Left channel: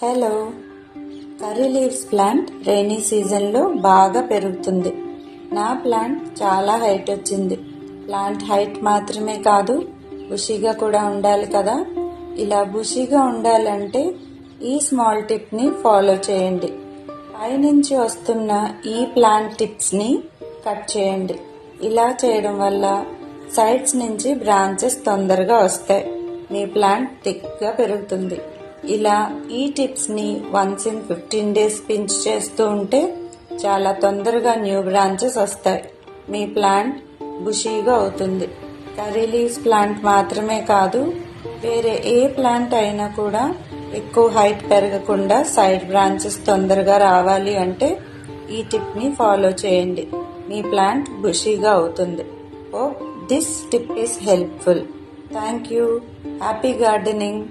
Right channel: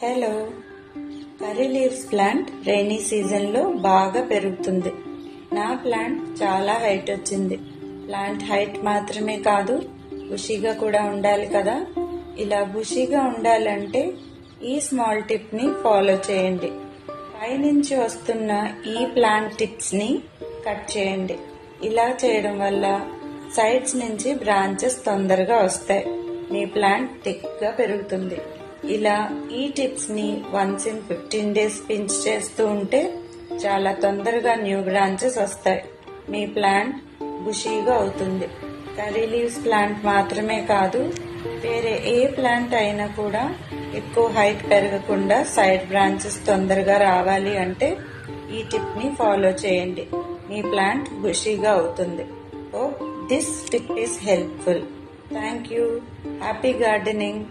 Hello, curry leaves plant rainy సీజన్లో బాగా పెరుగుతుంది. నా ప్లాంట్ చాలా హైట్ వచ్చింది. ప్లాంట్ హైట్ మాత్రమే కాదు, బుషీగా కూడా ఉండాలి కదా. ఇలా బుషీగా ఉండాలంటే ఈ స్మాల్ టిప్ ని ఫాలో చేయండి. పైనుంచి వస్తున్న ఈ ప్లాంట్ టిప్స్ ని కట్ చేయండి. ఇలా చేయడం వల్ల సైడ్స్ నుంచి బ్రాంచెస్ తొందరగా వస్తాయి. మీ ప్లాంట్ థిక్ గా పెరుగుతుంది. ఇలా ఈ టిప్స్ ని వన్స్ ఇన్ 15 days పించ్ చేస్తూ ఉంటే చాలా తొందరగా న్యూ బ్రాంచెస్ వస్తాయి. మీ ప్లాంట్ బుషీగా అవుతుంది. కర్రీ లీవ్స్ ప్లాంట్ మాత్రమే కాదు, వేరే ఏ ప్లాంట్ అయినా కూడా ఎక్కువ హైట్ పెరగకుండా సైడ్ బ్రాంచెస్ తొందరగా రావాలి అంటే ఈ టిప్ ని ఫాలో చేయండి. మీ ప్లాంట్ బుషీగా అవుతుంది. This tip is helpful. Thank you. Happy gardening.